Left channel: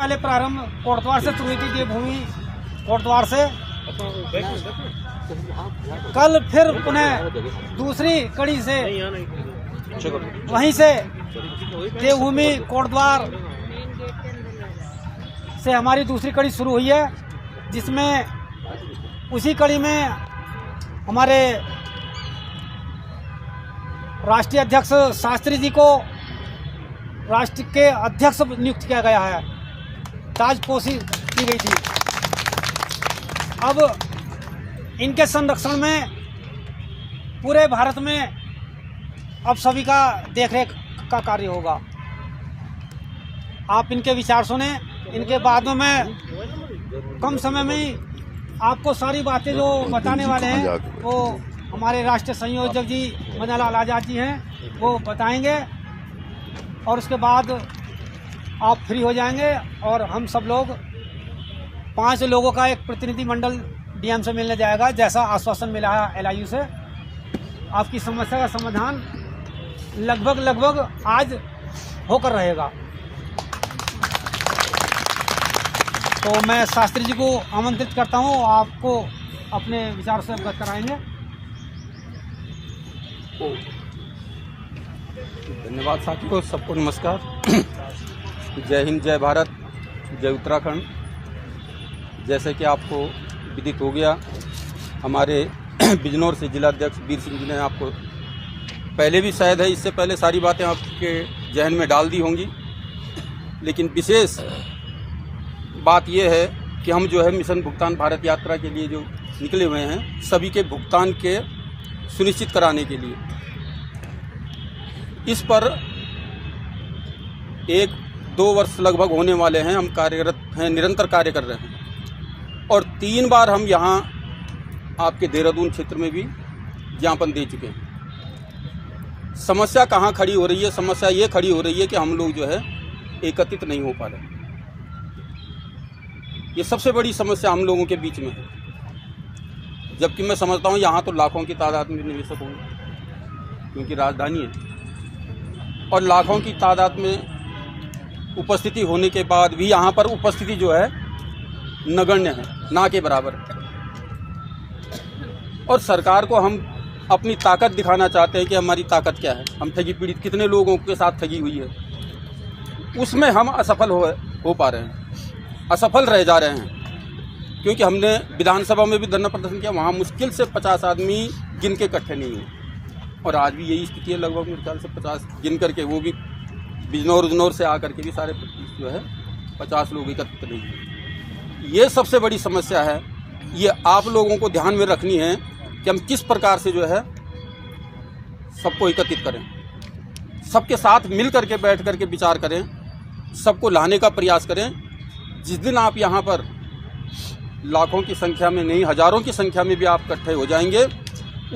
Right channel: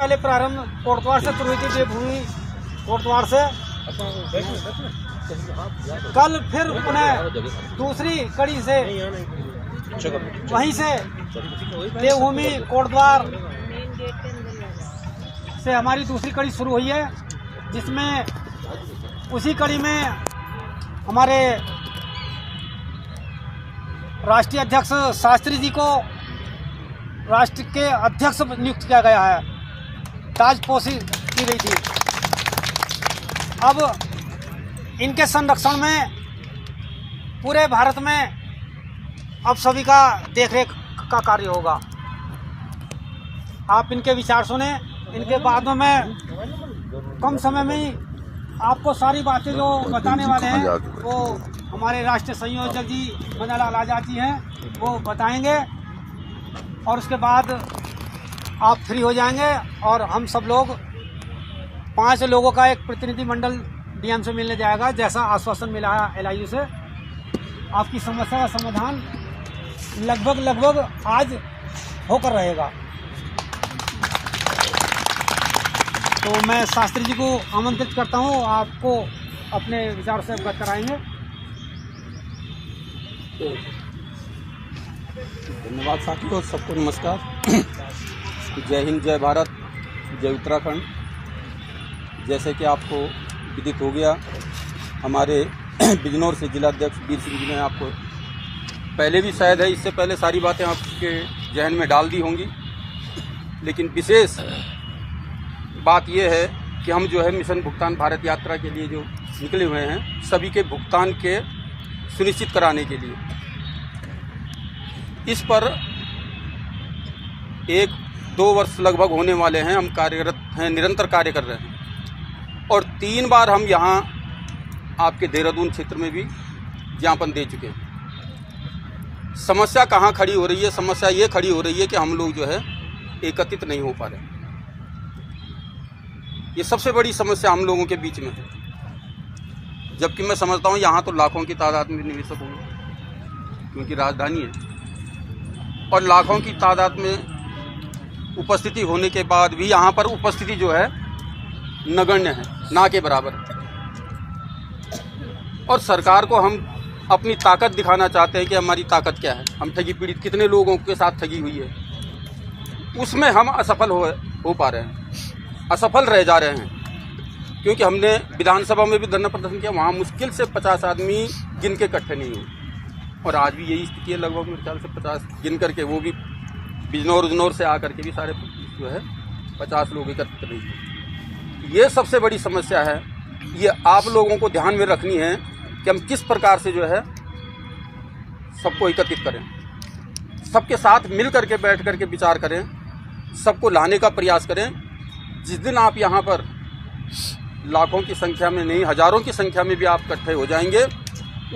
पहले प्रारंभ कोटद्वार से शुरू हुई थी देवभूमि कोटद्वार से। कल फिर पुनः दूसरी कड़ी से वहीं से देवभूमि कोटद्वार से हमारी दूसरी कड़ी शुरू हुई है, जिसमें उसी कड़ी में हमारे राष्ट्रीय अध्यक्ष शास्त्री जी को राष्ट्र के अध्यक्ष नियुक्त किया गया है, ताजपोशी की गई थी। अब इनके संरक्षण में पूरे भारत में अब सभी का देखरेख का कार्य होगा। आप इनके विचार सुने, इनके बाद में मैं कम समय में ही आपको सारी बातें जो बताने वाले हैं वो हमारे राष्ट्रीय संयोजक जी मदन लाल आजाद जी हैं, वो बताएंगे और उसके बाद आप फ्री हो जाएंगे और हम सब लोग 5 लोगों का एक प्रतिनिधि मंडल डीएम से मिलने जाएगा, जैसा आश्वासन मिला है एलआईयू से। आपकी समस्या का समाधान लगभग आज होकर रहेगा। तो मैं शास्त्री जी को आमंत्रित करता हूँ, आपको अपने विचार से अवगत कराएंगे। धन्यवाद साथियों, सबको नमस्कार। जय हिंद, जय भारत, जय उत्तराखंड। जैसे कि आपको विदित हो गया, हमारे बिजनौर से जिलाध्यक्ष वीर सिंह जी ने आपको पहले भी शायद है इससे पहले सारी बातें आपके जहन में डाल दी होंगी, लेकिन विशेष बात यह है कि हम जो है मिशन भुगतान भारत यात्रा के लिए जो निकले हुए हैं, सभी के भुगतान के सुनिश्चित कराने के लिए इस पर 1-2 वर्ष लगभग होने वाले हैं हम कार्यरत हैं, निरंतर कार्य कर रहे हैं। और 3 बार हम यहाँ आपके देहरादून क्षेत्र में भी ज्ञापन दे चुके हैं। समस्या कहाँ खड़ी हो रही है? समस्या ये खड़ी हो रही है कि हम लोग जो है एकत्रित नहीं हो पा रहे। ये सबसे बड़ी समस्या हम लोगों के बीच में है, जबकि मैं समझता हूँ यहाँ तो लाखों की तादाद में निवेशक होंगे, क्योंकि राजधानी है और लाखों की तादाद में उपस्थिति होने के बाद भी यहाँ पर उपस्थिति जो है नगण्य है, ना के बराबर। और सरकार को हम अपनी ताकत दिखाना चाहते हैं कि हमारी ताकत क्या है, हम ठगी पीड़ित कितने लोगों के साथ ठगी हुई है, उसमें हम असफल हो पा रहे हैं, असफल रह जा रहे हैं। क्योंकि हमने विधानसभा में भी धरना प्रदर्शन किया, वहाँ मुश्किल से 50 आदमी गिन के इकट्ठे नहीं हुए, और आज भी यही स्थिति है। लगभग मेरे ख्याल से 50 गिन करके, वो भी बिजनौर से आकर के भी सारे जो है 50 लोग एकत्र नहीं हुए। ये सबसे बड़ी समस्या है। ये आप लोगों को ध्यान में रखनी है कि हम किस प्रकार से जो है सबको एकत्रित करें, सबके साथ मिल करके बैठ करके विचार करें, सबको लाने का प्रयास करें। जिस दिन आप यहाँ पर लाखों की संख्या में नहीं, हजारों की संख्या में भी आप इकट्ठे हो जाएंगे,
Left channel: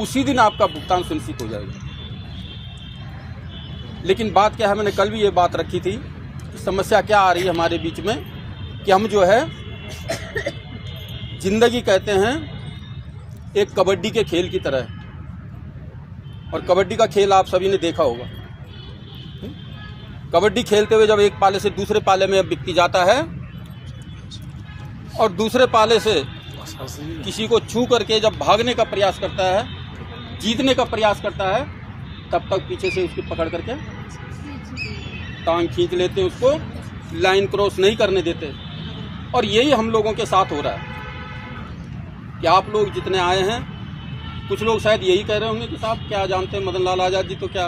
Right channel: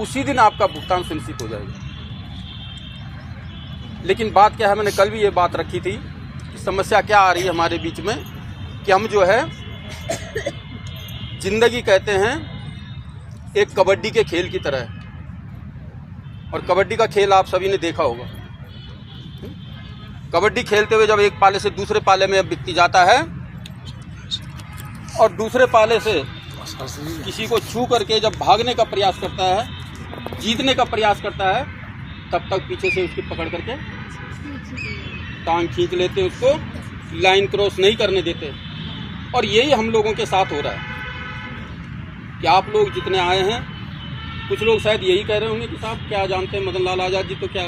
उसी दिन आपका भुगतान सुनिश्चित हो जाएगा। लेकिन बात क्या है, मैंने कल भी ये बात रखी थी कि समस्या क्या आ रही है हमारे बीच में, कि हम जो है जिंदगी कहते हैं एक कबड्डी के खेल की तरह है, और कबड्डी का खेल आप सभी ने देखा होगा। कबड्डी खेलते हुए जब एक पाले से दूसरे पाले में व्यक्ति जाता है और दूसरे पाले से किसी को छू करके जब भागने का प्रयास करता है, जीतने का प्रयास करता है, तब तक पीछे से उसकी पकड़ करके टांग खींच लेते हैं, उसको लाइन क्रॉस नहीं करने देते। और यही हम लोगों के साथ हो रहा है कि आप लोग जितने आए हैं, कुछ लोग शायद यही कह रहे होंगे कि साहब क्या जानते हैं, मदन लाल आजाद जी तो क्या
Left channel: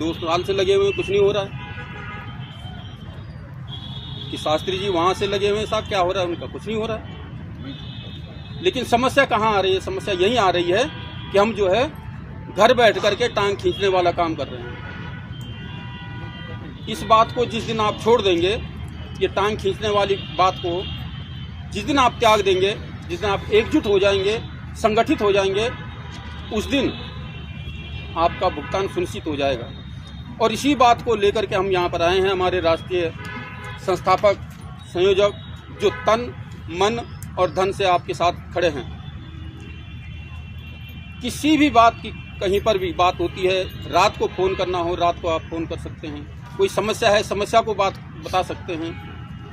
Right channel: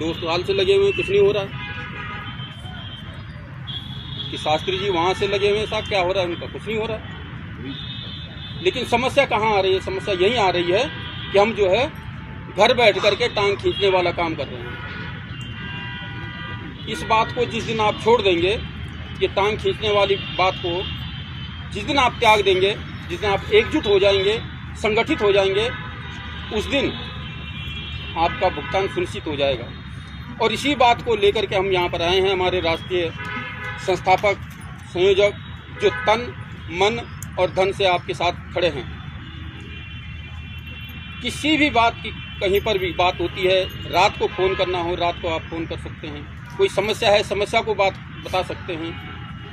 2 साल से लगे हुए, कुछ नहीं हो रहा है। कि शास्त्री जी वहाँ से लगे हुए हैं, साहब क्या हो रहा है उनका, कुछ नहीं हो रहा है। लेकिन समस्या कहाँ आ रही है? समस्या यही आ रही है कि हम जो है घर बैठ करके टांग खींचने वाला काम कर रहे हैं। इस बात को जिस दिन आप छोड़ देंगे, ये टांग खींचने वाली बात को जिस दिन आप त्याग देंगे, जिस दिन आप एकजुट हो जाएंगे, संगठित हो जाएंगे, उस दिन आपका भुगतान सुनिश्चित हो जाएगा। और इसी बात को लेकर के हम यहाँ पर आए हैं। हमारे राष्ट्रीय संस्थापक संयोजक जो तन मन और धन से आपके साथ खड़े हैं। किसी भी बात की कहीं पर भी बात होती है, रात को फ़ोन करना हो, रात को आप फ़ोन कर सकते हैं। कोई समस्या है, समस्या को बात बता सकते हैं।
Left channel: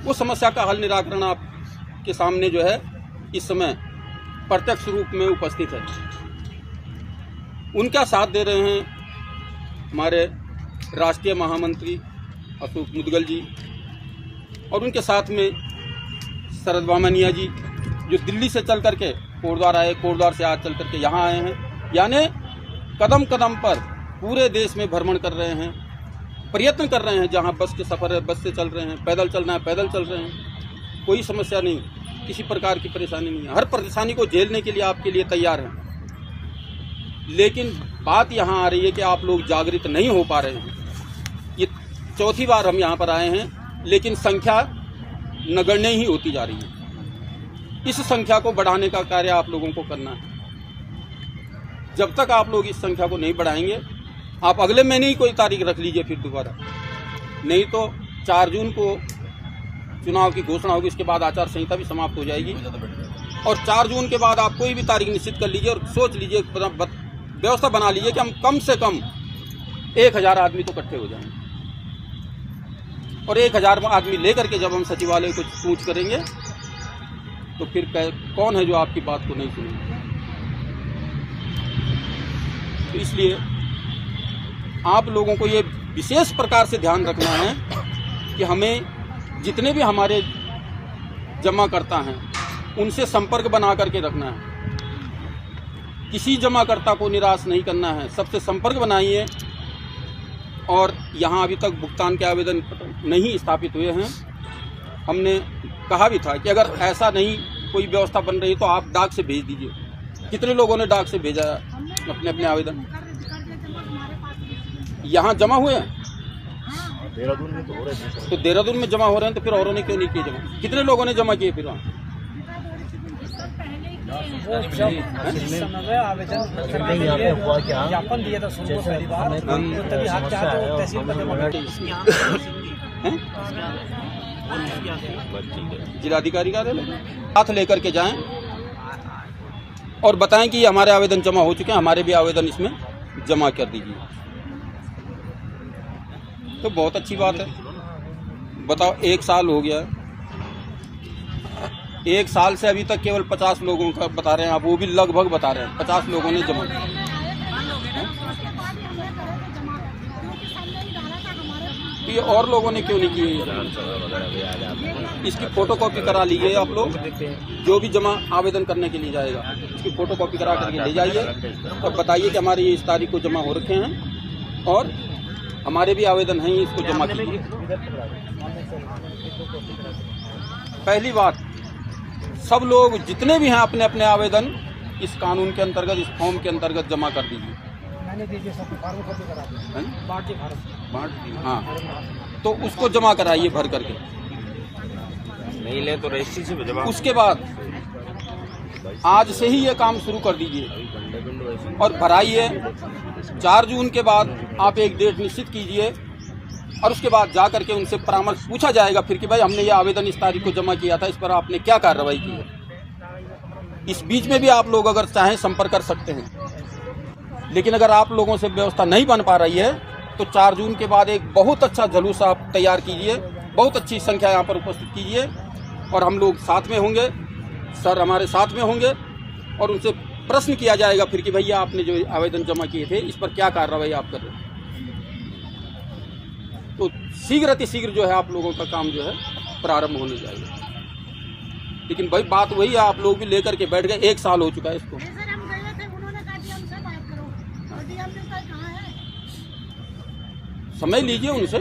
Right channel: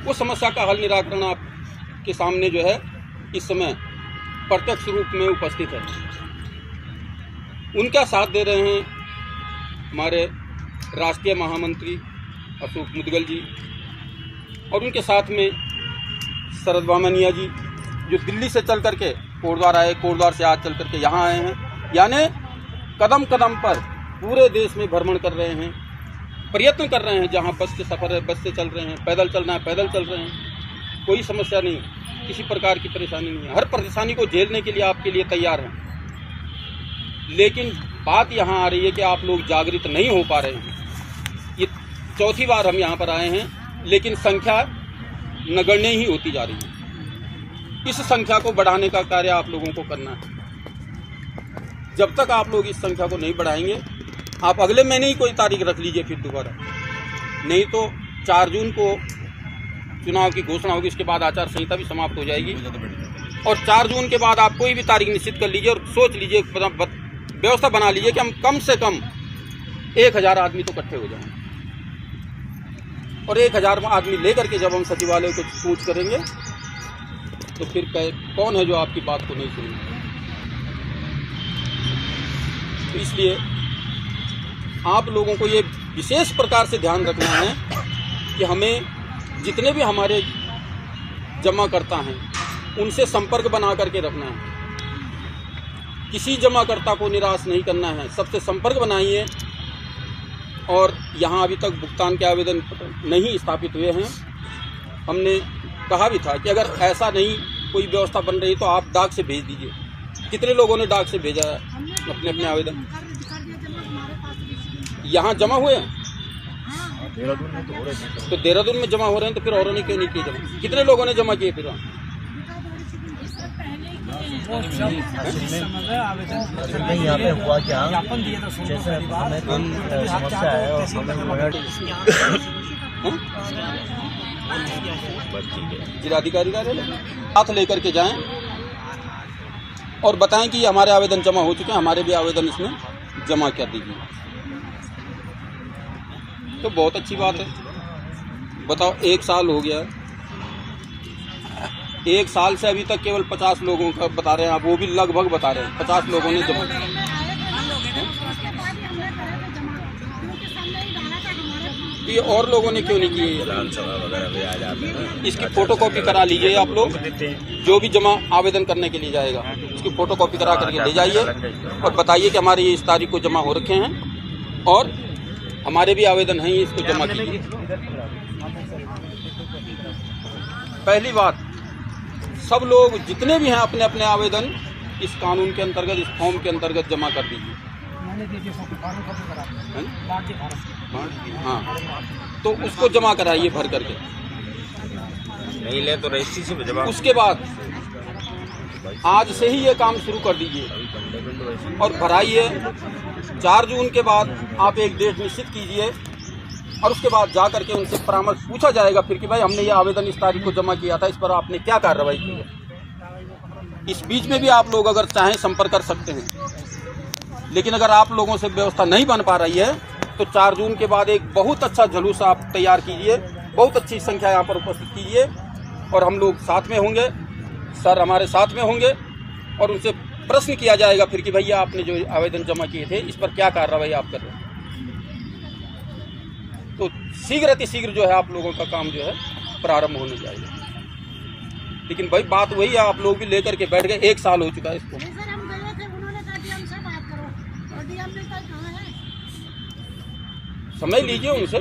वो समस्या का हल निराकरण आपके सामने जो है इस समय प्रत्यक्ष रूप में उपस्थित है। उनका साथ दे रहे हैं हमारे राष्ट्रीय महामंत्री अशोक मुदगल जी और उनके साथ में शरद वामनिया जी, जो दिल्ली से चल करके कोटद्वार आए, कोटद्वार से आज चल करके यहाँ आए हैं। यानी कदम कदम पर पूरे देश में भ्रमण कर रहे हैं, प्रयत्न कर रहे हैं। जहाँ बस के सफ़र है बस से चल रहे हैं, पैदल चलना है पैदल चल रहे हैं। कोई समस्या नहीं, किसी प्रकार की परेशानी नहीं है। हर परेशानी को झेलने के लिए आपके लिए तैयार हैं। लेकिन बात यहाँ आ रही है कि आप लोग जागृत नहीं हो पा रहे हैं। ये चौथी बार हम यहाँ पर आए हैं, लेकिन संख्या नगण्य ही होती जा रही है। इस संख्या को बढ़ाने का कार्य आप लोगों को करना है। जब तक आप लोग इस संख्या को नहीं बढ़ाएंगे, आप अगले महीने ही कोई तारीख रख लीजिए फिर दोबारा, नहीं तो 4 जून को चुनाव की घोषणा होगी। इसके बाद आचार संहिता भी समाप्त हो जाएगी और 4 जून के बाद आप कोई भी तारीख निश्चित कर लीजिए और सोच लीजिए, व्यवस्था बना लीजिए कि हम कम से कम 1000 आदमी तो इकट्ठे हो जाएंगे। और 1000 आदमी लेकर के जब हम सचिवालय को पूछ करेंगे तो फिर कौन है जो आपकी बात को नहीं सुनेंगे। तो इसलिए आप लोगों को ये विशेष प्रकार से ध्यान रखना है कि हमें जितने भी हमारे जमाकर्ता हैं उनसे संपर्क बना करके रखना है। किसी जमाकर्ता को निराश नहीं करना है, सबसे संपर्क बनाइए। और यहाँ अभी तक भुगतान के आवेदन नहीं स्थापित हुए हैं। हमने कहा भी था कि अगर ऐसा नहीं कोई व्यवस्था बन रही तो आप डाक से भेज दीजिए। कितने लोगों ने डाक से भेजा है अपने अपने आवेदन? यहाँ जमा हुए हैं देहरादून में तो हो रहे हैं। तो देहरादून में जमा हो रहे हैं, तो फिर औरों ने क्यों नहीं किए जमा? कितने लोगों ने जमा किए फिर वहाँ? नहीं, यहाँ पे हुआ क्या, जैसे हमें कोई समस्या है और हमें जिलाधिकारी कार्यालय साथ लेकर के जाएं और बताएं कि हमारे आवेदन जमा हो चुके हैं, हमारे भी आवेदन इसमें जमा कर दीजिए। तो बहुत अच्छी बात है। बताओ, 1 साल हो गया, 1 साल से अभी तक केवल 50 लोगों का बता रहे हैं आप, वो भी लगभग बता रहे हैं 50 लोगों ने जमा। तो ये और लोगों ने क्यों नहीं किए? इसकी फोटोकॉपी करा लीजिए आप लोग, जो भी जमा आवेदन करने के लिए जाएगा इसकी फोटोकॉपी करा करके ले जाइए और बताइए कि हमारे ये इस तारीख को जमा हो रखे हैं और हमारे भी आवेदन हैं, इसको जमा कीजिए। पहली बात, सब लोग जितने भी हैं अपने अपने आवेदन इस कानून के अंतर्गत, इस फॉर्म के अंतर्गत जमा कर दीजिए। हाँ, तो उसको जमा कराइए भर करके। नहीं ले तो रजिस्ट्री से जमा। उसके बाद आज से ही ये काम शुरू कर दीजिए और भराइए। 4 जून के बाद आप एक डेट निश्चित कीजिए और उसके बाद जा करके उनसे परामर्श पूछा जाएगा फिर कि भाई हमने ये आवेदन इस तारीख को जमा किया था, इस पर आपने क्या कार्रवाई की है। इस बीच में भी आप लोग अगर चाहें संपर्क कर सकते हैं, लेकिन अगर आप लोगों से व्यवस्था नहीं बन पा रही है तो 4 जून के बाद एक बहुत अच्छा जुलूस आप तैयार कीजिए, बहुत अच्छी संख्या यहाँ पर उपस्थित कीजिए और हम लोग साथ में होंगे, सर हमारे साथ में होंगे और उनसे प्रश्न किया जाएगा फिर कि भैया आपने जो आवेदन जमा किए थे इस पर क्या कार्रवाई आप कर रहे हैं। तो शीघ्र अतिशीघ्र जो है आप लोगों का काम जो है प्रारंभ होने जाएगा। लेकिन भाई बात वही है, आप लोग भी लेकर के बैठ गए, 1 साल हो चुका है इसको। समय लीजिए उनसे,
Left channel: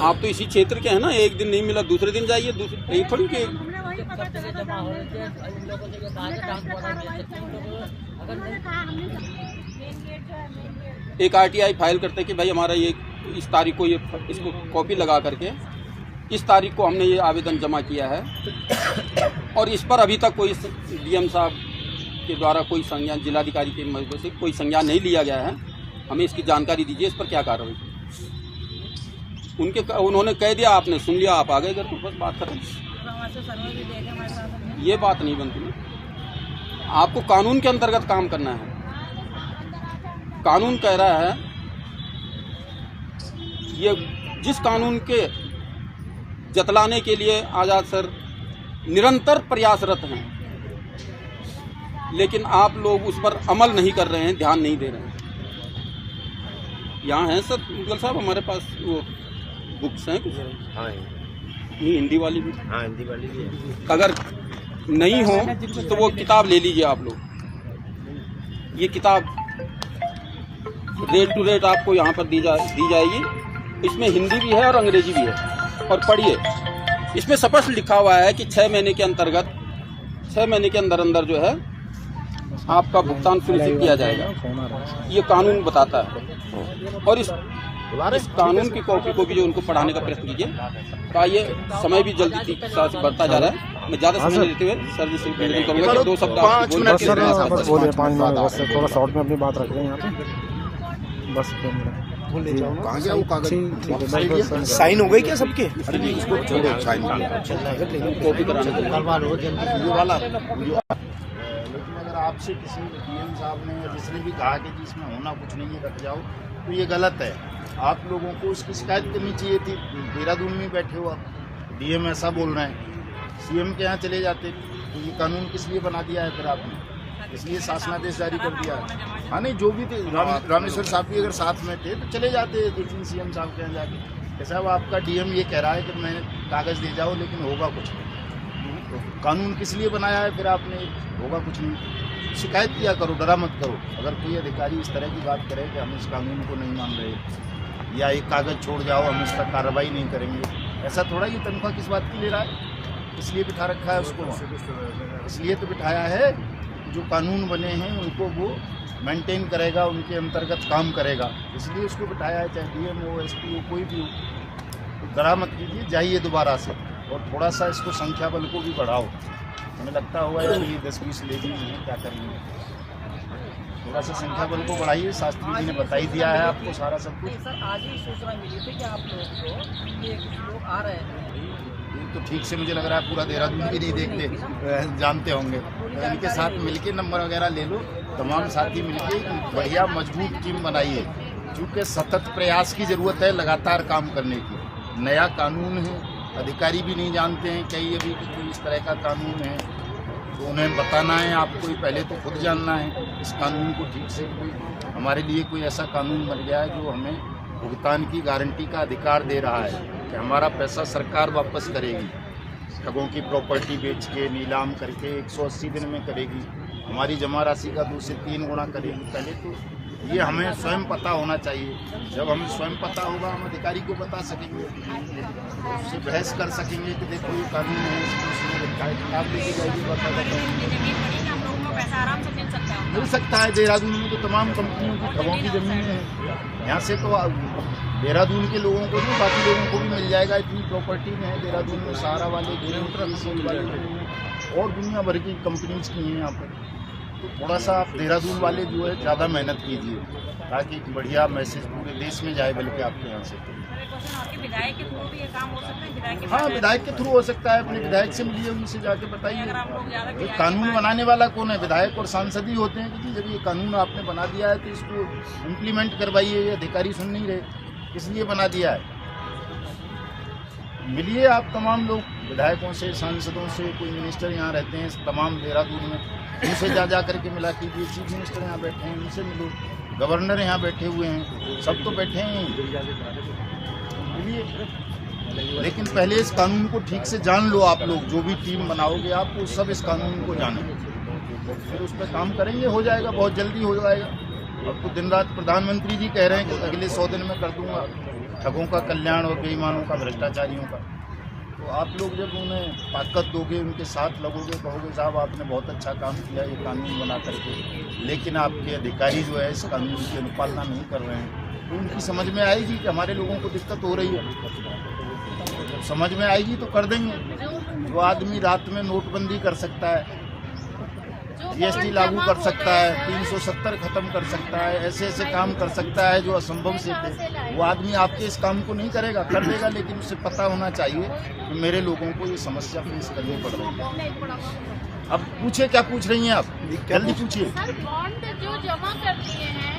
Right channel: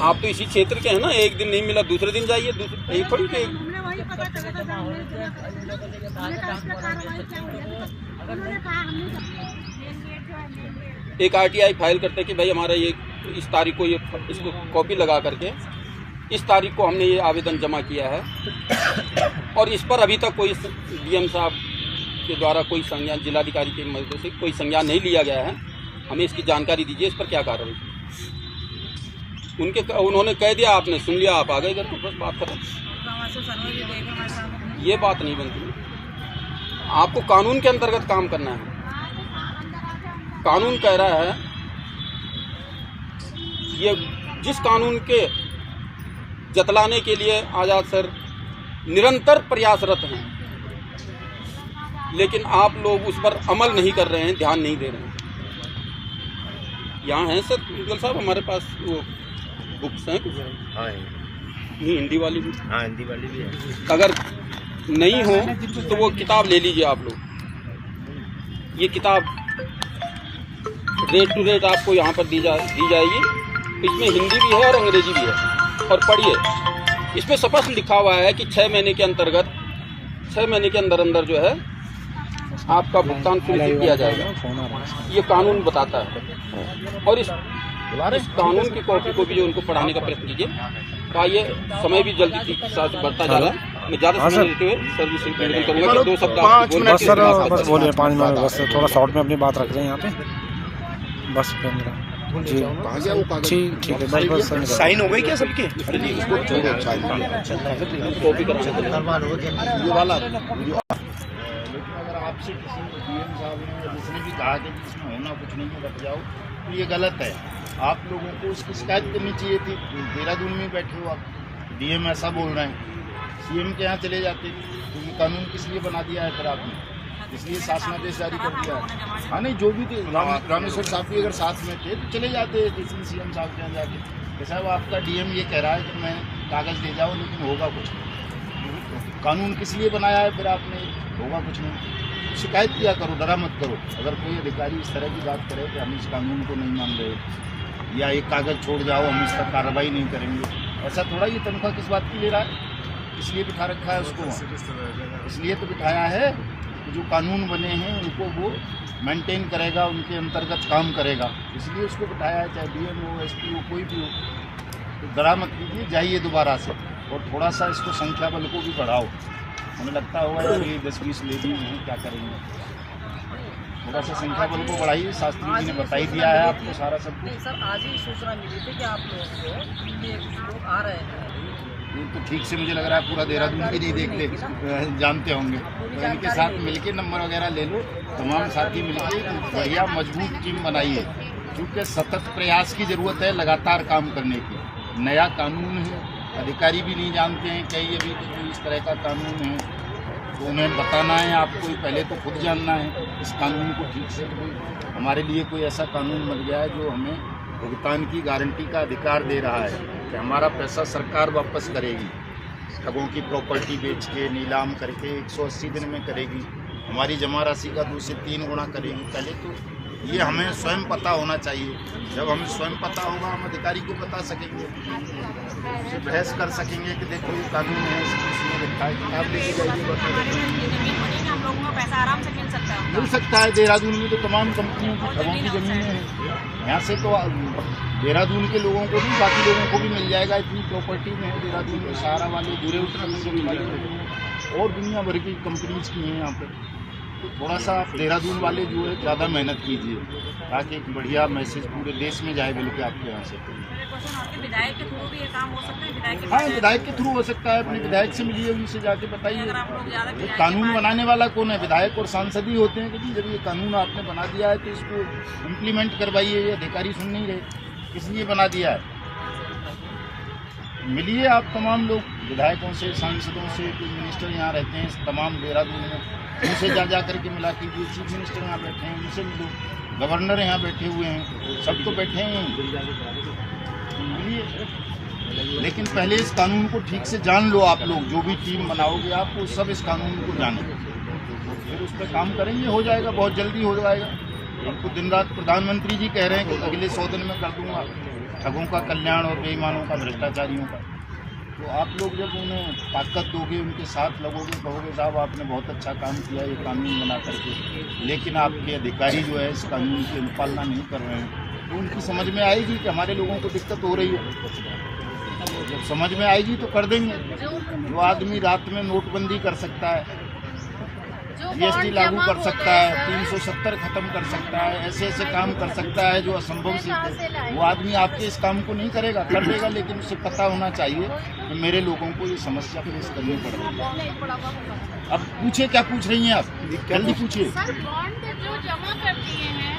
आप तो इसी क्षेत्र के हैं ना, एक दिन नहीं मिला दूसरे दिन जाइए, यही थोड़ी के एक RTI फाइल करते कि भाई हमारा ये इस तारीख को, ये इसको कॉपी लगा करके इस तारीख को हमने ये आवेदन जमा किया है और इस पर अभी तक कोई DM साहब के द्वारा कोई संज्ञान, जिलाधिकारी के मदद से कोई संज्ञान नहीं लिया गया है, हमें इसकी जानकारी दीजिए, इस पर क्या कार्रवाई। उन्होंने कह दिया, आपने सुन लिया, आप आ गए घर को, बस बात खत्म। ये बात नहीं बनती। आपको कानून के अंतर्गत काम करना है। कानून कह रहा है, ये जिस कानून के जतलाने के लिए आज़ाद सर निरंतर प्रयासरत हैं, लेकिन आप लोग उस पर अमल नहीं कर रहे हैं, ध्यान नहीं दे रहे हैं। यहाँ हैं सर मुगल साहब, हमारे पास वो बुक्स हैं कुछ? हाँ नहीं, हिंदी वाली भी? हाँ, हिंदी वाली भी है। अगर नहीं हो तो वो किताब ले लीजिए आप लोग। ये किताब रेट टू रेट आपको यहाँ पर दी जाएगी। इसमें हिंदी भी है और अंग्रेजी भी है, और पढ़िए। इसमें स्पष्ट लिखा हुआ है कि 6 महीने के अंतर्गत 6 महीने के अंदर अंदर जो है आपका भुगतान सुनिश्चित किया जाएगा। ये कानून बताता है। और इस कानून की कॉपी को भी जो उनको पढ़ाने का प्रयत्न कीजिए। का ये समय भी जल्दी से बढ़ता जा रहा है। मैं ज़्यादा समय लेते हुए सर्विस करूँगा। 2 सप्ताह बस बोलिए 5 मिनट बस, थोड़ा शॉर्ट में अपनी बात रख रहे हैं यहाँ पे बस। ठीक है, बस साइन हो गई क्या सबके? अगर आपसे किसी डीएम साहब ने या जिसने भी कहा कि इसमें होना कुछ नहीं है, रख जाओ, तो ये गलत है। आप लोगों को उसकी शिकायत करनी चाहिए थी। देहरादून में बैठे हो आप, डीएम ऐसा बोल रहे हैं, सीएम के यहाँ चले जाते। तो ये कानून किस लिए बना दिया है फिर आपने? इसलिए शासनादेश जारी कर दिया है। हाँ नहीं, जो भी थे, रामेश्वर साहब भी अगर साथ में थे तो चले जाते किसी सीएम साहब के यहाँ जाके। कैसा वो आपका डीएम ये कह रहा है कि मैं कागज़ दे जाओ, लेकिन होगा कुछ नहीं। कानून किस लिए बनाया है फिर आपने? होगा कुछ नहीं। शिकायत किया करो, डरा मत करो। अगर कोई अधिकारी इस तरह की बात करे कि हम इस कानून को नहीं मान रहे, या एक कागज़ छोड़ जाओ, हम इस पर कार्रवाई नहीं करेंगे, ऐसा थोड़ा। ये तनख्वाह किस बात की ले रहा है? इसलिए बिठा रखा है उसको, इसलिए तो बिठाया है। जो कानून बने हैं उनको वो मेंटेन करेगा, उनके अंतर्गत काम करेगा, इसलिए उसको बिठाया है। चाहे डीएम हो, एसपी हो, कोई भी हो। तो डरा मत कीजिए, जाइए दोबारा से, और थोड़ा सा इसको संख्या बल को भी बढ़ाओ। हमें लगता होगा कि 10-20 लेडीज हैं, क्या करेंगे? थोड़ा सा संख्या बल को बढ़ाइए। शास्त्री जी ने बता ही दिया है आपको सारा सब कुछ। सर, आज ही सूचना मिली थी कि आप लोगों को ये कुछ लोग आ रहे हैं। ये तो ठीक से मुझे लग रहा है पूरा देहरादून भी नहीं देखते, जानते होंगे। तो इनके साथ मिलके नंबर वगैरह ले लो, तमाम साथी मिलके बढ़िया मजबूत टीम बनाइए, क्योंकि सतत प्रयास की ज़रूरत है, लगातार काम करने की। नया कानून है, अधिकारी भी नहीं जानते हैं कई अभी कि कोई इस तरह का कानून है, तो उन्हें बताना है आपको। पहले तो खुद जानना है इस कानून को ठीक से। कोई हमारे लिए कोई ऐसा कानून बन गया है जो हमें भुगतान की गारंटी का अधिकार दे रहा है कि हमारा पैसा सरकार वापस करेगी। ठगों की प्रॉपर्टी बेच के, नीलाम करके 180 दिन में करेगी, हमारी जमा राशि का 2 से 3 गुना करेगी। पहले तो ये हमें स्वयं पता होना चाहिए। जब हमें स्वयं पता होगा, हम अधिकारी को बता सकेंगे, उससे बहस कर सकेंगे कि देखो ये कानून है, इसमें लिखा है, किताब लेके जाइए, बता देते हैं। हम लोगों को पैसा आराम से मिल सकता है। देहरादून में तो तमाम कंपनियों की ठगों की ज़मीनें हैं। यहाँ से तो देहरादून के लोगों को भी, बाकी लोगों को भी मिल जाएगा। इतनी प्रॉपर्टी में है देहरादून में, सहारा वाले, उत्तराखंड वाले और दुनिया भर की कंपनीज की हैं यहाँ पर। तो थोड़ा सा देहरादून वाले जो है ज़्यादा मेहनत कीजिए, ताकि एक बढ़िया मैसेज पूरे देश में जाए, बल्कि आपके यहाँ से। विधायक के थ्रू भी ये काम हो सकता है? हाँ, विधायक के थ्रू हो सकता है। अपने विधायक से मिलिए, उनसे जाके बताइए। कानून बनाने वाला कौन है? विधायक और सांसद ही होते हैं। क्योंकि जब ये कानून आपने बना दिया है तो इसको इम्प्लीमेंट करवाइए। ये अधिकारी सुन नहीं रहे, इसलिए बना दिया है। मिलिए आप तमाम लोग, विधायकों से, सांसदों से, कोई मिनिस्टर यहाँ रहते हैं तमाम देहरादून में, उनसे जा करके मिला कीजिए। चीफ मिनिस्टर यहाँ बैठे हैं, उनसे मिलो। गवर्नर यहाँ बैठे हुए हैं, सब तो बैठे हैं। लेकिन पहले इस कानून को ठीक से जान लो। आप लोग जो भी टीम बनाओगे, आपको सब इस कानून को जाने, फिर उस पर काम करेंगे, हो जाएगा, बहुत जल्दी हो जाएगा। अब तो दिन रात प्रधानमंत्री जी कह रहे हैं कि अगले 100 दिन में कर दूंगा ठगों का कल्याण और बेईमानों का, भ्रष्टाचारियों का। तो आप लोग जब उन्हें ताकत दोगे, उनके साथ लगोगे, कहोगे साहब आपने बहुत अच्छा काम किया ये कानून बना करके, लेकिन आपके अधिकारी जो है इस कानून की अनुपालना नहीं कर रहे हैं, तो उनकी समझ में आएगी कि हमारे लोगों को दिक्कत हो रही है। जब समझ में आएगी तो कर देंगे। वो आदमी रात में नोटबंदी कर सकता है, जीएसटी लागू कर सकता है, 370 खत्म कर सकता है, ऐसे ऐसे काम कर सकता है जो असंभव से थे। वो आदमी आपके इस काम को नहीं करेगा, कर देगा, लेकिन उसे पता होना चाहिए कि मेरे लोगों को ये समस्या फेस करनी पड़ रही है। अब पूछे, क्या पूछ रही हैं आप? जल्दी पूछिए। सर, बॉन्ड जो जमा कर दिए हैं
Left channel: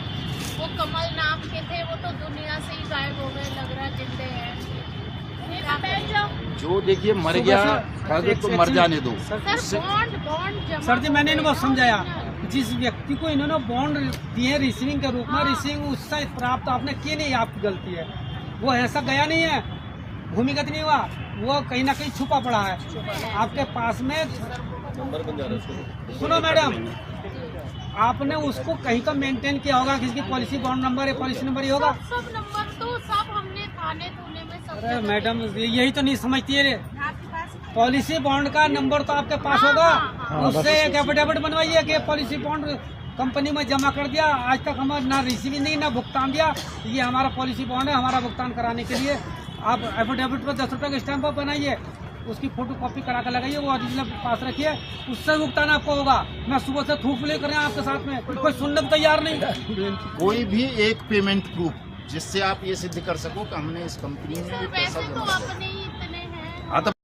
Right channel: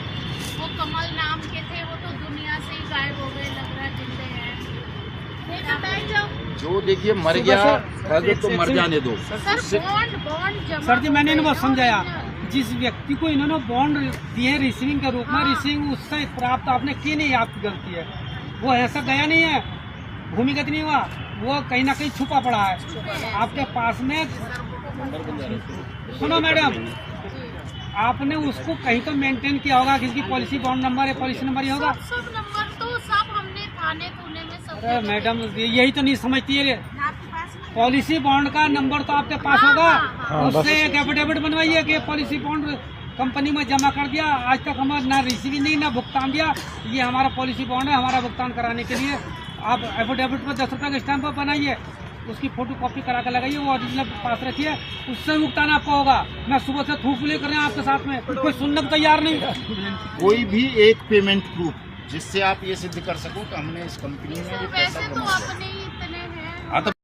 वो कमल नाम के थे, वो तो दुनिया से ही गायब हो गए, लग रहा है जिंदे हैं। नहीं बताए जाओ। जो देखिए मर गया अगर तो मर जाने दो। सर बॉन्ड जमा सर जी मैंने इनको करते समझाया, हैं। जिस व्यक्ति को इन्होंने बॉन्ड दिए रिसीविंग के रूप में, रिसीविंग उससे प्राप्त आपने की नहीं, आपकी गलती है। वो ऐसा गया नहीं है, भूमिगत नहीं हुआ, वो कहीं ना कहीं छुपा पड़ा है आपके पास में। सुनो मैडम, आपने उसको कहीं तो मेंटेन किया होगा, किसी पॉलिसी बॉन्ड नंबर है, पॉलिसी नंबर ही होगा। सब नंबर तो सब हमने थाने तूने में सब अरे मैडम यही तो नहीं समझती है, पॉलिसी बॉन्ड का नंबर तो आपके पास होगा, उससे एक एफिडेविट बनवाइए कि पॉलिसी बॉन्ड कंपनी में जमा कर दिया, आज तक हमें ना रिसीव नहीं ना भुगतान दिया, ये हमारा पॉलिसी बॉन्ड है, हमारा भुगतान कराने के लिए आप एफिडेविट पर 10 रुपये का स्टैम्प बनाइए, उसकी फोटो कॉपी करा कर लगाइए, वो ओरिजिनल पास रखिए, उससे भुगतान आपको होगा। मैं सुबह से थूक ले कर रहे हैं आपके साथ में, कोई सुनने को तैयार नहीं। कोई भी एक पेमेंट प्रूफ जिससे आप ये सिद्ध कर सको कि हमने इस कंपनी में ये पैसा वैसे तो जमा किया। अपने ही इतने हैं। हाँ, तो